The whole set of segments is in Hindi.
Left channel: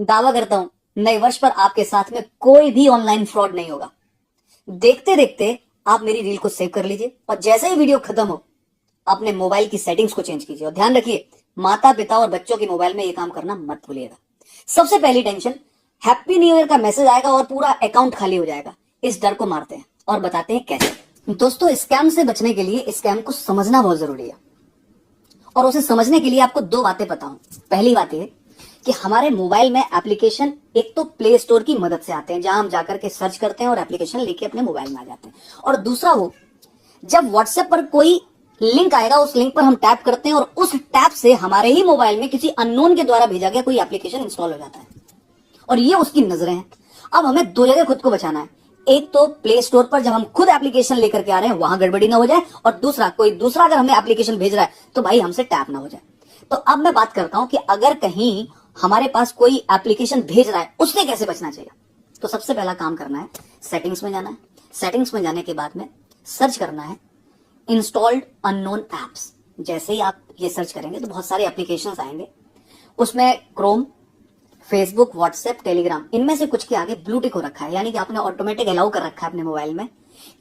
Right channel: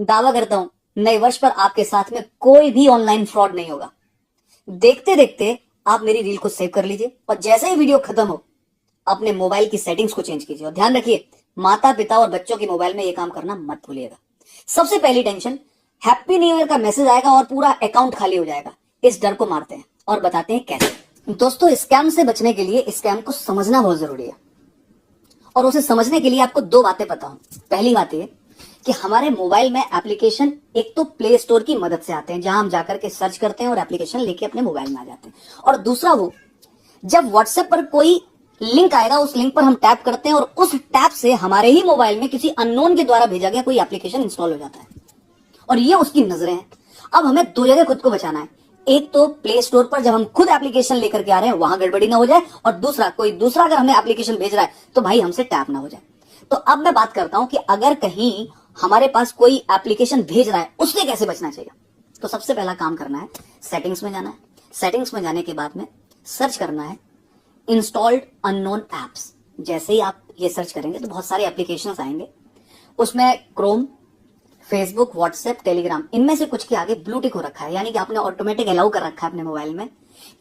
दावा करता हूं नए वर्ष पर आपके साथ में कोई भी ऑनलाइन फ्रॉड नहीं होगा। देखते देखते आप मेरी रील को सेव कर लीजिए और जैसे ही वीडियो खत्म हो अपने मोबाइल की सेटिंग्स को चेंज कीजिए। और ध्यान रखिए, माता पिता और बच्चों के मोबाइल में ये काम करना मत भूलिएगा। सबसे पहली टेंशन, हैप्पी न्यू ईयर का मैसेज आएगा और पूरा अकाउंट खाली हो जाएगा। इस डर को मारते हैं और बताते हैं कैसे। दोस्तों, स्कैम से बचने के लिए स्कैम को समझना बहुत जरूरी है और उसे समझने के लिए आपको दो बातें पता हो। पहली बात यह कि हमारे मोबाइल में एप्लीकेशन एक तो प्ले स्टोर की मदद से आते हैं, जहां हम जाकर के सर्च करते हैं और एप्लीकेशन लेके अपने मोबाइल में आ जाते हैं। और दूसरा वो, जब व्हाट्सएप पर कोई लिंक आएगा उस लिंक पर हम टैप करते हैं और उस टैप से हमारे ही मोबाइल में किसी अननोन के द्वारा भेजा गया कोई एप्लीकेशन इंस्टॉल हो जाता है और ये उसकी नजरें हैं। अब हमें दो जगह खुद को बचाना है। एक तो प्ले स्टोर पर जब हम खुद एप्लीकेशन लेकर के आ रहे हैं वहां गड़बड़ी ना हो जाए, और दूसरा कोई दूसरा अगर हमें एप्लीकेशन भेज रहा है तो भाई हमसे टैप ना हो जाए। तो अब मैं बात करता हूं कि अगर कहीं हमारे पास कोई एप्लीकेशन भेज रहा है उससे कैसे बचना चाहिए। तो सबसे पहला काम करना है, सेटिंग्स में जाना है। सेटिंग्स में जाने के बाद में सर्च करना है इंस्टॉल्ड अननोन एप्स। जैसे ही आप ये सर्च करेंगे तो बहुत सारे एप्लीकेशंस आएंगे। उसमें क्रोम, फेसबुक, व्हाट्सएप, टेलीग्राम, इनमें से कुछ के आगे ब्लू टिक हो रखा है, यानी कि आपने ऑटोमेटिक अलाउ कर रखा है अपने मोबाइल में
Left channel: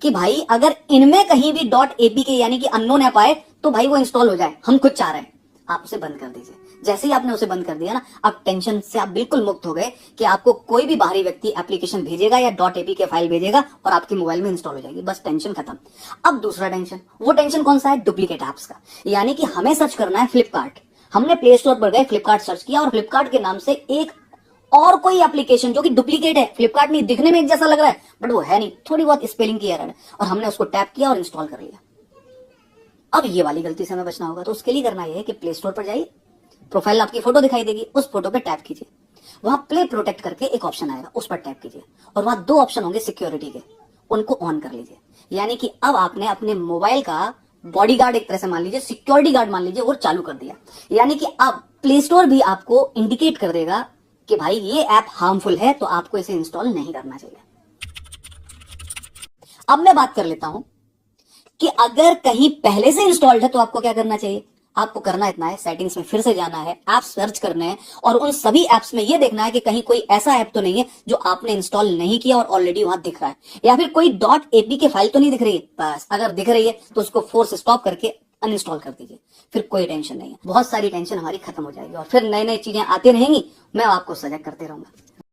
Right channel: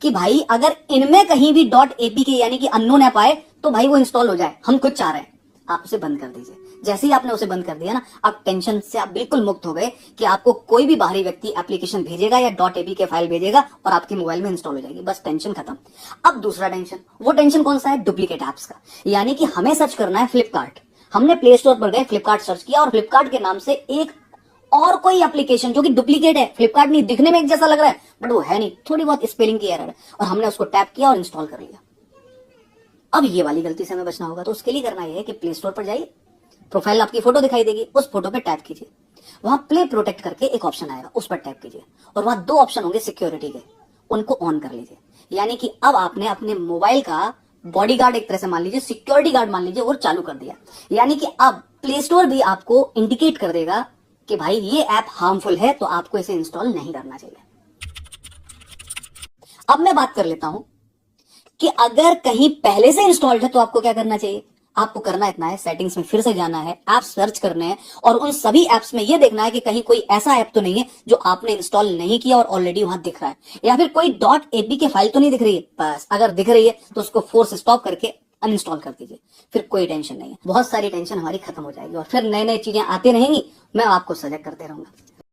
कि भाई अगर इनमें कहीं भी .apk यानी कि अननोन ऐप आए तो भाई वो इंस्टॉल हो जाए, हम खुद चाह रहे हैं। आप उसे बंद कर दीजिए। जैसे ही आपने उसे बंद कर दिया ना, अब टेंशन से आप बिल्कुल मुक्त हो गए कि आपको कोई भी बाहरी व्यक्ति एप्लीकेशन भेजेगा या .apk फाइल भेजेगा और आपके मोबाइल में इंस्टॉल हो जाएगी। बस टेंशन खत्म। अब दूसरा टेंशन, वो टेंशन कौन सा है? डुप्लीकेट एप्स का। यानी कि हमें सर्च करना है फ्लिपकार्ट। हमने प्ले स्टोर पर गए, फ्लिपकार्ट सर्च किया और फ्लिपकार्ट के नाम से एक और कोई एप्लीकेशन जो कि डुप्लीकेट है, फ्लिपकार्ट नहीं, दिखने में एक जैसा लग रहा है बट वो है नहीं, थोड़ी बहुत स्पेलिंग की एरर है, और हमने उसको टैप किया और इंस्टॉल कर लिया। अब ये वाली गलती से हमें बचना होगा। तो उसके लिए करना यह है कि प्ले स्टोर पर जाइए, प्रोफाइल आपकी फोटो दिखाई देगी, उस फोटो पे टैप कीजिए। वहां प्ले प्रोटेक्ट करके एक ऑप्शन आएगा, उस पर टैप कीजिए और वहां दो ऑप्शन होंगे सिक्योरिटी के, उनको ऑन कर लीजिए। यानी कि अब आपने अपने मोबाइल का बॉडीगार्ड, एक तरह से मान लीजिए सिक्योरिटी गार्ड मान लीजिए, वो चालू कर दिया। यानी कि अब प्ले स्टोर भी आपको इंडिकेट कर देगा कि भाई ये ऐप हार्मफुल है, तो आपको इसे इंस्टॉल नहीं करना चाहिए। अब मैं बात कर लेता हूं कि अगर कहीं पहले से इंस्टॉल्ड है तो आपको क्या करना चाहिए। आपको करना इतना है, सेटिंग्स में फिर से जाना है, ऐप सर्च करने हैं और उन सभी एप्स में यह देखना है कि कहीं कोई ऐसा ऐप तो नहीं है जो आपने इंस्टॉल नहीं किया और ऑलरेडी वहां दिख रहा है, या फिर कोई .apk फाइल तो नहीं दिख रही है। बस अगर दिख रही है तो उसको फोर्स स्टॉप करके अनइंस्टॉल कर दीजिए। फिर कोई टेंशन नहीं है, बहुत सारी टेंशन हमारी खत्म हो जाएगी और फिर नई नई चीजें आती रहेंगी, मैं आपको सजग करते रहूंगा।